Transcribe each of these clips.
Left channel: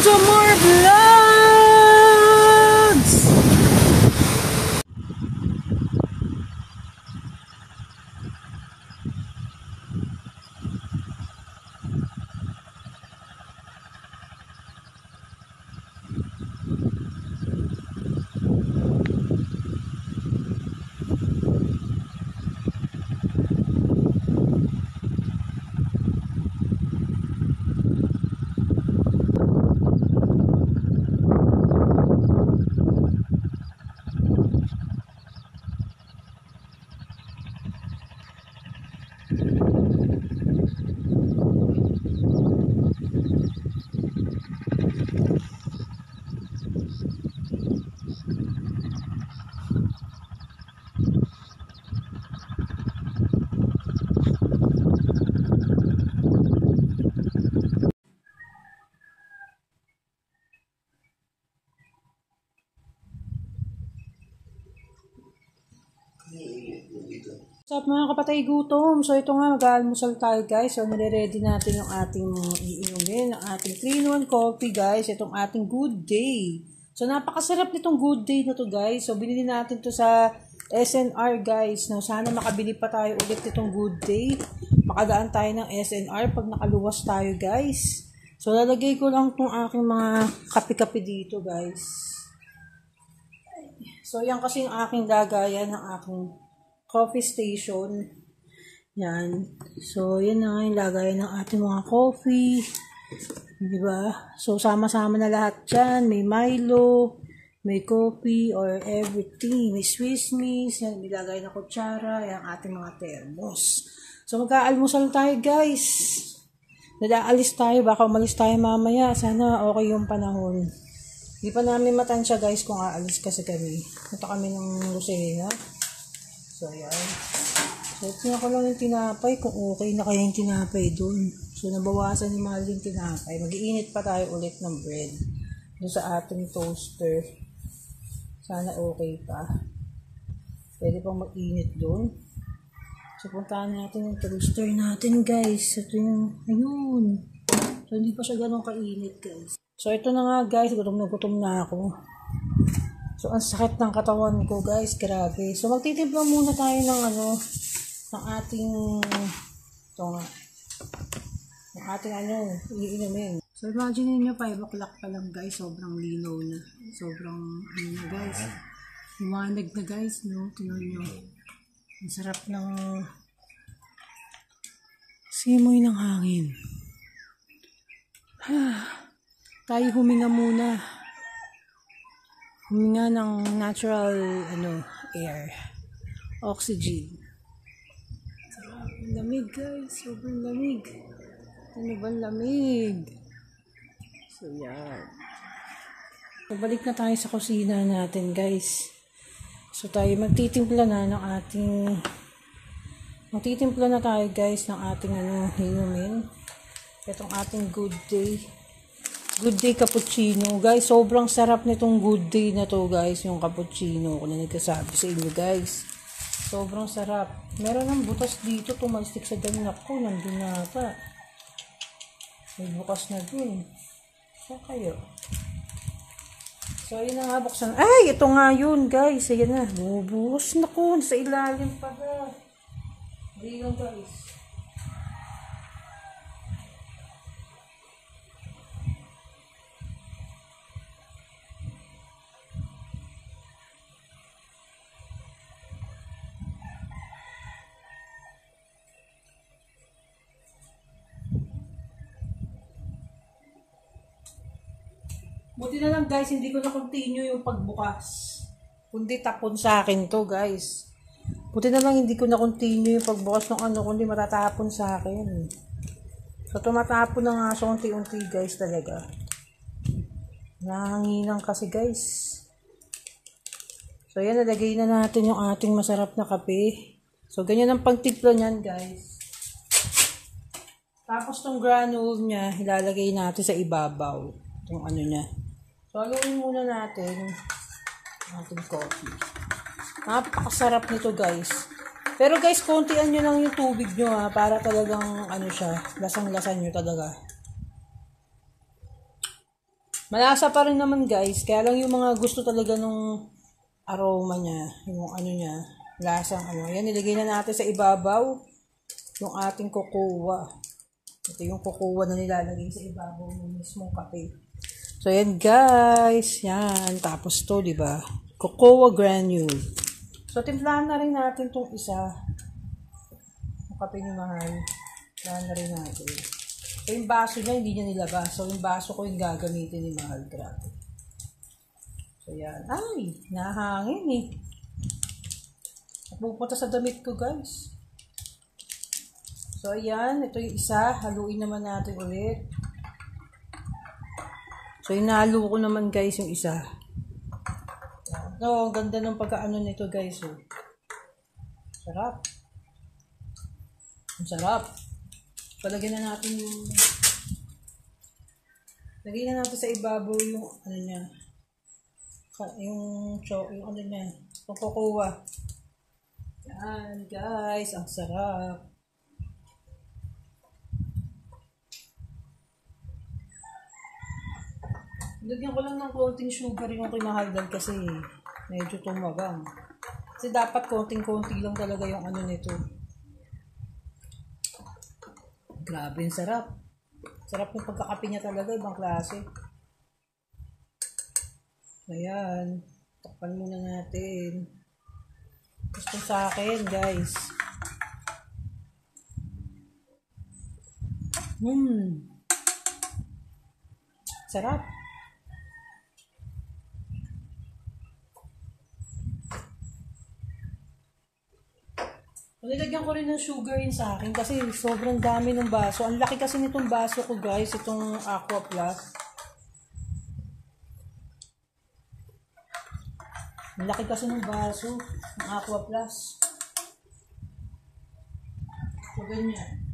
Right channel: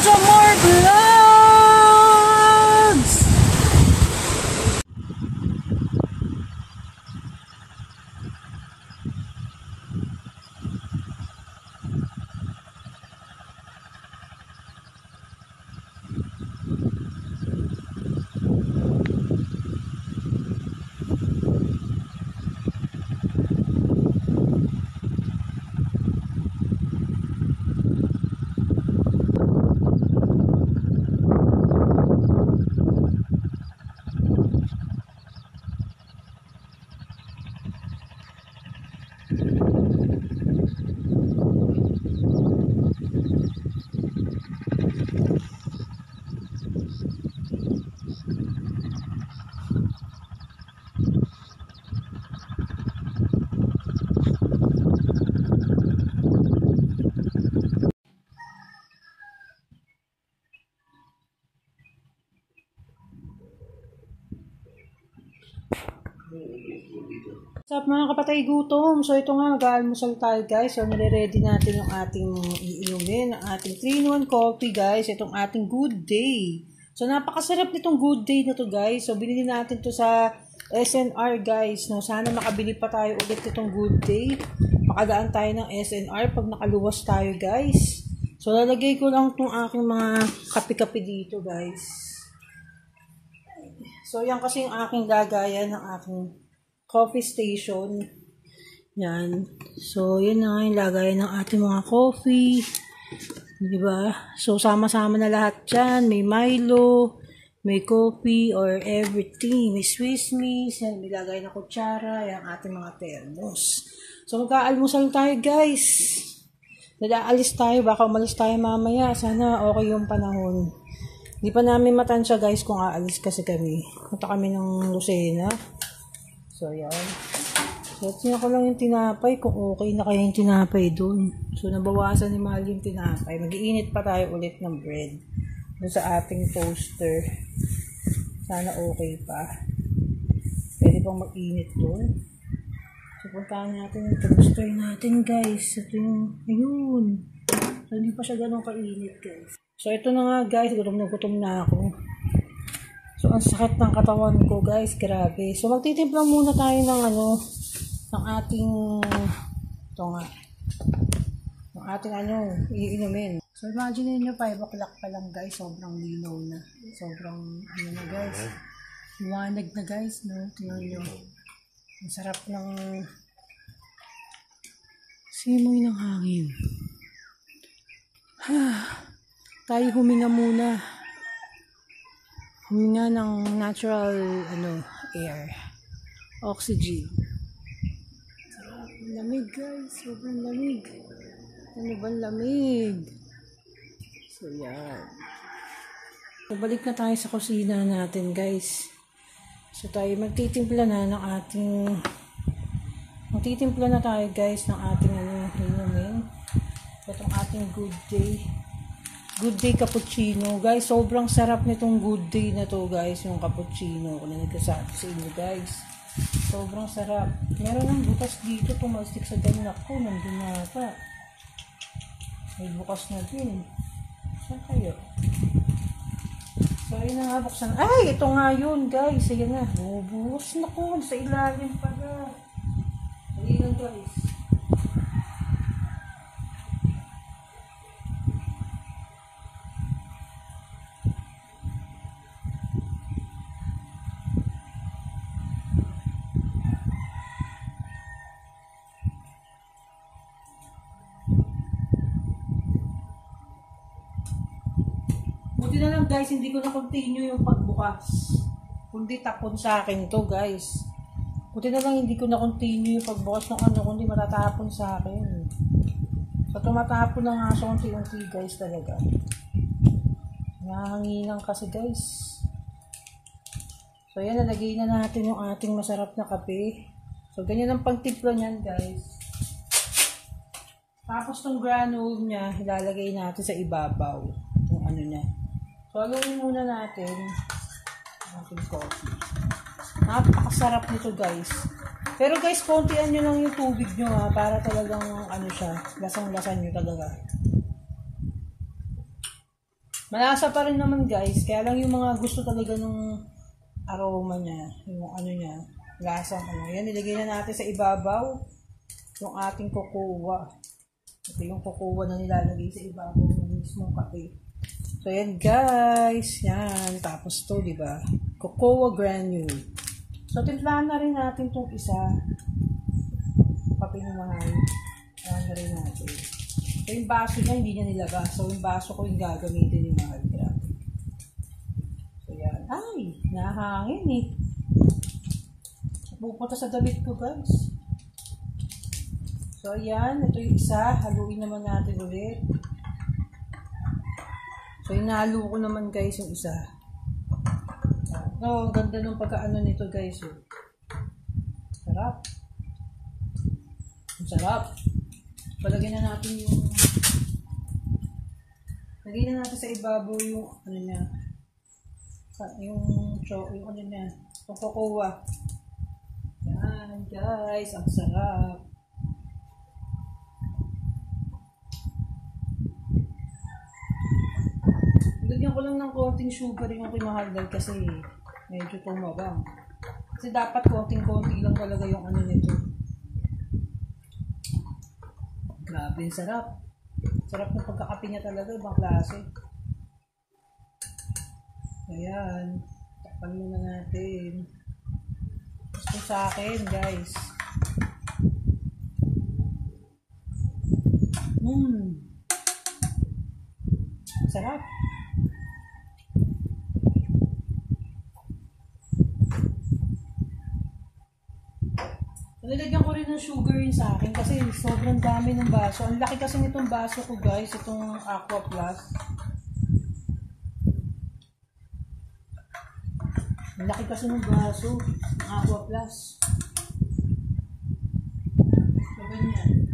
to more vlogs! What's up mga kapatay gutom? So ito nga, mag-aalmusal tayo guys. So nire-ready natin yung ating iinumin, ang ating 3-in-1 coffee guys. Itong ating Good Day. So napakasarap nitong Good Day na to guys. So binili natin to sa SNR guys. No, sana makabili pa tayo ulit itong Good Day. Makadaan tayo ng SNR pag nakaluwas tayo guys. So lalagay ko lang itong aking mga kape-kape dito guys. So yan kasi yung aking lagayan ng aking coffee station. Yan. So, yun na yung lagay ng ating mga coffee. Diba? So, sama-sama na lahat dyan. May Milo, may coffee, or everything. May Swiss Miss. Yan, may lagay na kutsara. Yan, ating mga thermos. So, mag-aalmusal tayo, guys. Nadaalis tayo. Baka umalis tayo mamaya. Sana okay yung panahon. Hindi pa namin matansya, guys, kung aalis kasi kami. Punta kami ng Lucena. So, yan. So, tingnan ko lang yung tinapay kung okay na kaya yung tinapay doon. So, nabawasan ni Mahal yung tinapay. Mag-iinit pa tayo ulit ng bread doon sa ating toaster. Sana okay pa. Pwede pang mag-init doon. So, puntahan natin yung toaster natin, guys. Ito yung, ayun. So, hindi pa siya ganun kainit, guys. So, ito na nga, guys. Gutom na ako. So, ang sakit ng katawan ko, guys. Grabe. So, magtitimpla muna tayo ng ng ating, ito nga, ng ating iinumin. So, imagine niyo 5 o'clock pa lang, guys. Sobrang linaw na. Sobrang, na, guys. Liwanag na, guys, no? Tingnan nyo. Ang sarap ng simoy ng hangin. Tayo huminga muna. Huminga ng natural air, oxygen. Sarap, lamig guys, sobrang lamig. Ano ba lamig? So yan. So, balik na tayo sa kusina natin guys. So tayo magtitimpla na tayo guys ng ating inumin. Itong ating Good Day. Good Day cappuccino. Guys, sobrang sarap nitong Good Day na to, guys. Yung cappuccino. Kung nagkasabi sa inyo, guys. Sobrang sarap. Meron ng butas dito. Tumalstik sa ganak ko. Nandun nata. May bukas na dun. Saan kayo? So, ayun na nga. Buksan. Ay! Ito nga yun, guys. Ayan na. Bumubuhos na ko. Sa ilalim pa ba? Ayun, guys. Buti na lang guys, hindi ko na continue yung pagbukas. Kundi tapon sa akin to guys. Buti na lang hindi ko na continue yung pagbukas ng kundi matatapon sa akin. So tumatapon na nga sa unti-unti guys talaga. Nanganginan kasi guys. So yan, nalagay na natin yung ating masarap na kape. So ganyan ang pagtimpla niyan guys. Tapos tong granule niya, ilalagay natin sa ibabaw. Yung niya. So, aluin muna natin ating coffee. Napakasarap nito guys. Pero guys, kontian nyo lang yung tubig nyo ha, para talagang siya, lasang-lasan nyo talaga. Malasa pa rin naman guys, kaya lang yung mga gusto talaga nung aroma niya, yung ano niya, lasang ano. Ayan, nilagay na natin sa ibabaw yung ating cocoa. Ito yung cocoa na nilalagay sa ibabaw ng mismong kape. So, ayan guys, yan. Tapos to, di ba? Cocoa granule. So, timplahan na rin natin itong isa. Kape ni Mahal. Timplahan na rin natin. So, yung baso niya, hindi niya nilabas. So, yung baso ko yung gagamitin ni Mahal. Grabe. So, yan. Ay, nahangin eh. Pupunta sa damit ko, guys. So, ayan. Ito yung isa. Haluin naman natin ulit. So, inalo ko naman, guys, yung isa. No, ang ganda ng pagkaano nito, guys. Oh. Sarap. Ang sarap. Palagyan na natin yung lagyan na natin sa ibabaw yung ano niya. Yung ano niya. Yung cocoa. Yan, guys. Ang sarap. Lagyan ko lang ng konting sugar yung kinahaldal kasi medyo tumabang. Kasi dapat konting-konti lang talaga yung ano nito. Grabe, sarap. Sarap ng pagkakape niya talaga, ibang klase. Ayan. Takpan muna natin. Gusto sa akin, guys. Sarap. Nilagyan ko rin ng sugar yun sa akin kasi sobrang dami ng baso. Ang laki kasi nitong baso ko guys, itong Aqua Plus. Ang laki kasi ng baso, ng Aqua Plus. So, ganyan.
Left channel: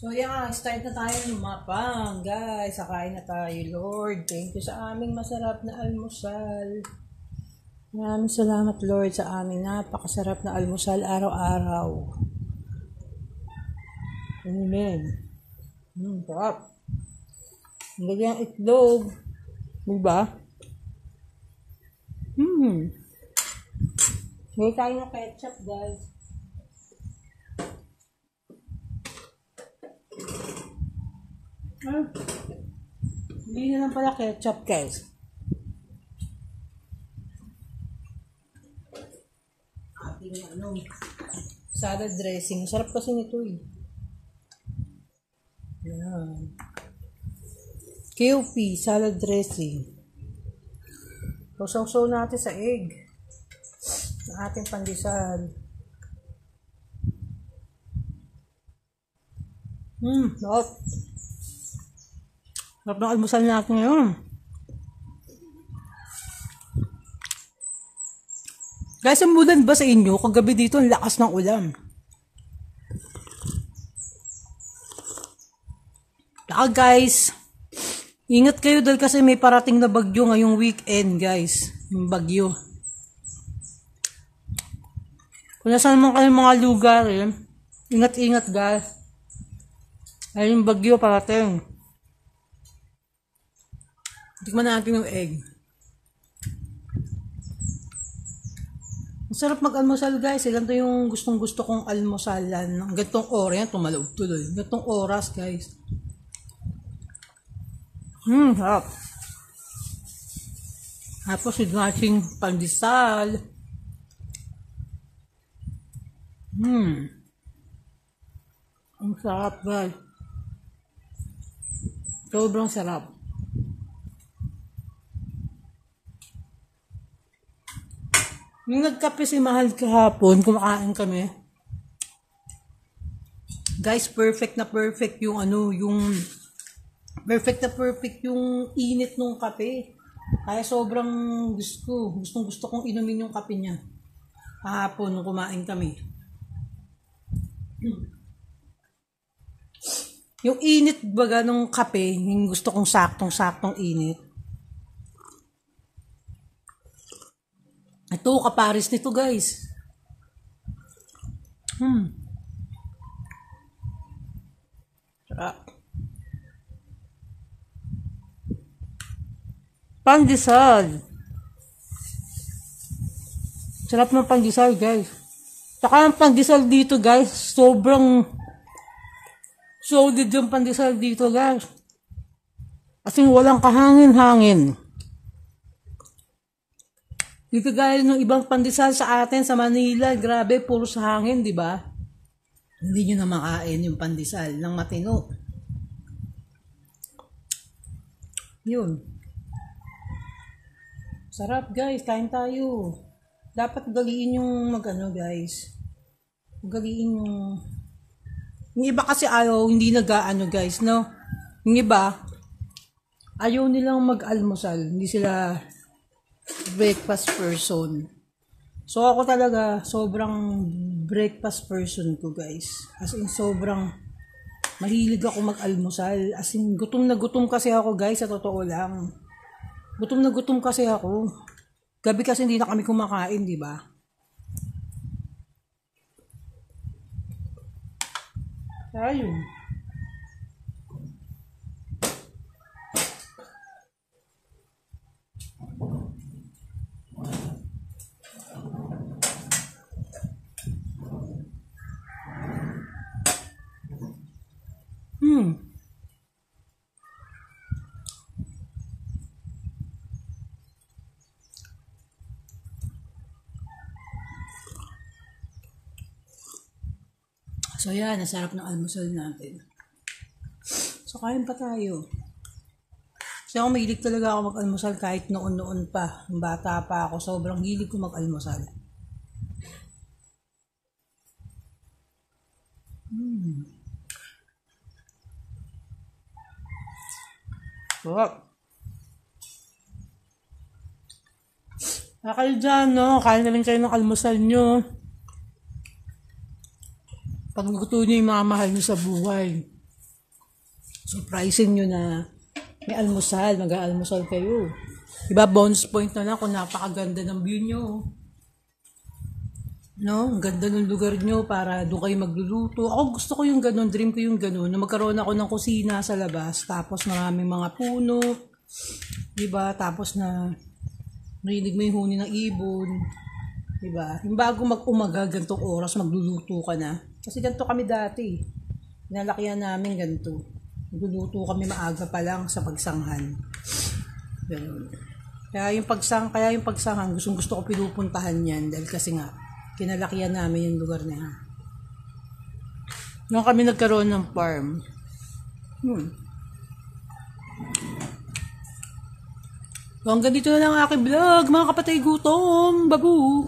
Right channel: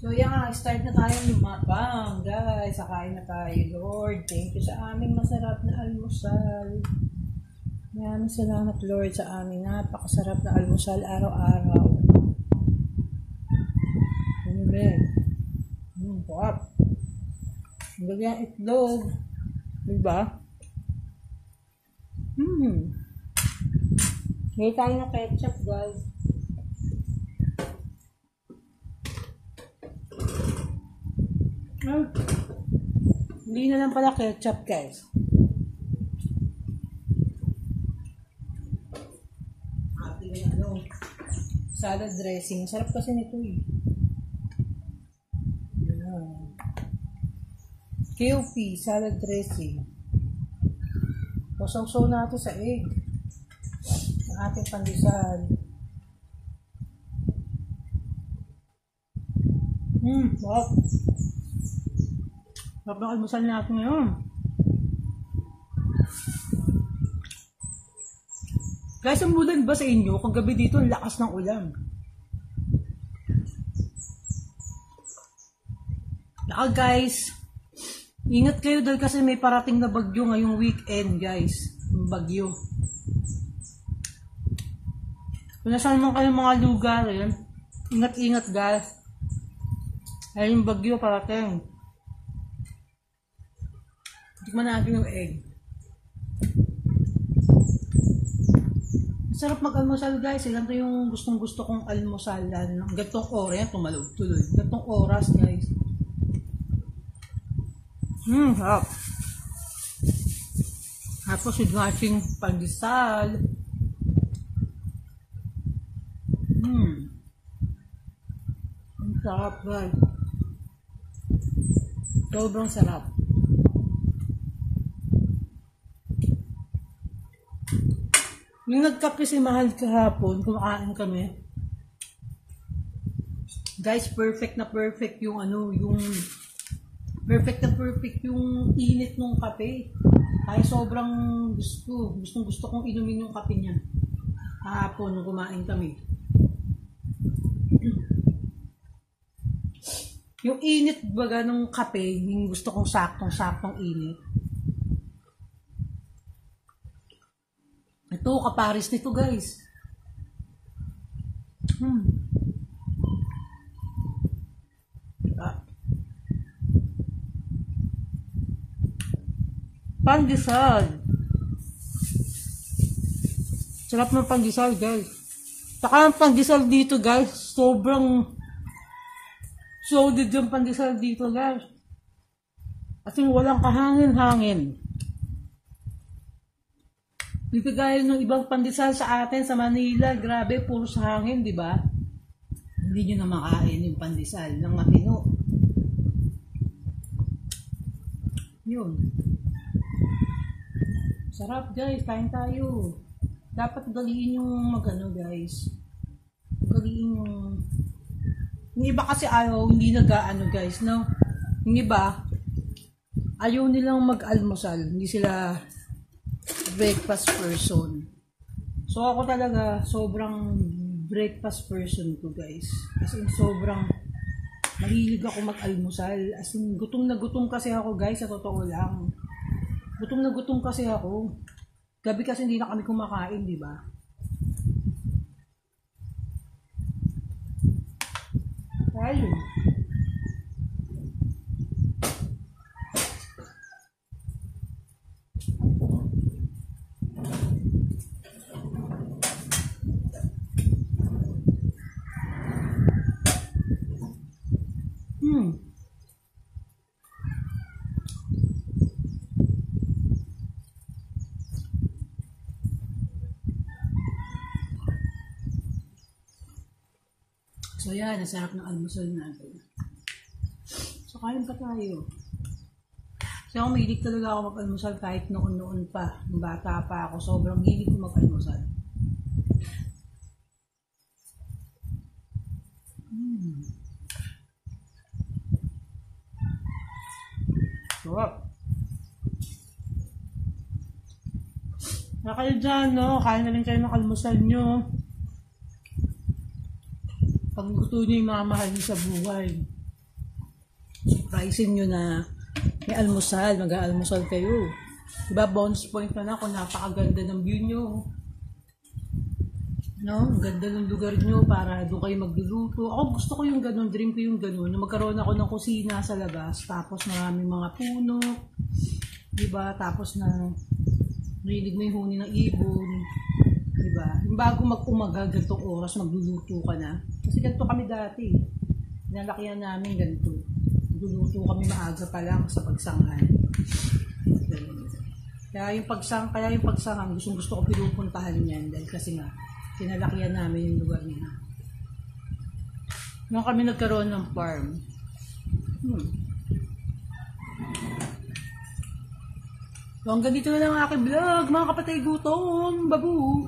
So, yan. Start na tayo lumapang. Guys, sakain na tayo. Lord, thank you sa aming masarap na almusal. Maraming salamat, Lord, sa aming napakasarap na almusal araw-araw. Amen. Sarap. Lagyan itlog. Diba? Lagyan tayo ng ketchup, guys. Hindi na lang pala ketchup, guys. Ating salad dressing. Sarap kasi nito eh. Yan. KOP salad dressing. Saw-saw natin sa egg. Ang ating pandesal. Sarap. Sarap ng almusal natin ngayon. Guys, ang ulan ba sa inyo? Kagabi dito, ang lakas ng ulan. Guys, ingat kayo dahil kasi may parating na bagyo ngayong weekend, guys. Yung bagyo. Kung nasaan naman kayong mga lugar, ingat-ingat, guys. Ay, yung bagyo parating. Tikman natin yung egg. Masarap mag-almusal, guys. Ilan to yung gustong-gusto kong almusalan. Gantong oras yan, tumalog tuloy. Gantong oras, guys. Sarap. Tapos with matching pandesal. Ang sarap, guys. Sobrang sarap. Nung nagkape si Mahal kahapon, kumakain kami. Guys, perfect na perfect yung perfect na perfect yung init ng kape. Kaya sobrang gusto kong inumin yung kape niya. Kahapon nung kumain kami. Yung init baga ng kape, yung gusto kong saktong init. Ito, kaparis nito, guys. Sarap. Pandesal. Sarap ng pandesal, guys. Saka ang pandesal dito, guys, sobrang solid yung pandesal dito, guys. Kasi walang kahangin-hangin. Dito guys, ng ibang pandesal sa atin sa Manila, grabe, puro sa hangin, di ba? Hindi nyo na makain yung pandesal ng matino. Yun. Sarap guys, kain tayo. Dapat galiin yung magano guys. Galiin yung iba kasi ayaw, hindi nag-aano guys, no? Yung iba, ayaw nilang mag-almusal. Hindi sila breakfast person. So ako talaga, sobrang breakfast person ko guys. As in, sobrang mahilig ako mag-almusal. As in, gutom na gutom kasi ako guys, sa totoo lang. Gutom na gutom kasi ako. Gabi kasi hindi na kami kumakain, di ba? Ayun. So yan, nasarap ng almusal natin. So kain pa tayo. Kasi ako mahilig talaga ako mag-almusal kahit noon-noon pa. Nung bata pa ako, sobrang hilig ko mag-almusal. Sarap. Kayo dyan, no? Kain na rin kayo ng almusal nyo. Pagluto nyo yung mga mahal nyo sa buhay. Surprising nyo na may almusal, mag-aalmusal kayo. Diba, bonus point na lang kung napakaganda ng view nyo. No? Ang ganda ng lugar nyo para doon kayo magluluto. Ako gusto ko yung ganun, dream ko yung ganun, na magkaroon ako ng kusina sa labas, tapos maraming mga puno, diba? Tapos na marinig mo yung huni ng ibon, diba? Yung bago mag-umaga, gantong oras, magluluto ka na. Kasi ganito kami dati. Nalakihan namin ganito. Magluluto kami maaga pa lang sa pagsanghan. Ganun. Kaya yung pagsanghan, gusto ko pinupuntahan yan dahil kasi nga, kinalakihan namin yung lugar niya. Nung kami nagkaroon ng farm. So hanggang dito na lang ang aking vlog, mga kapatid, gutom, babu.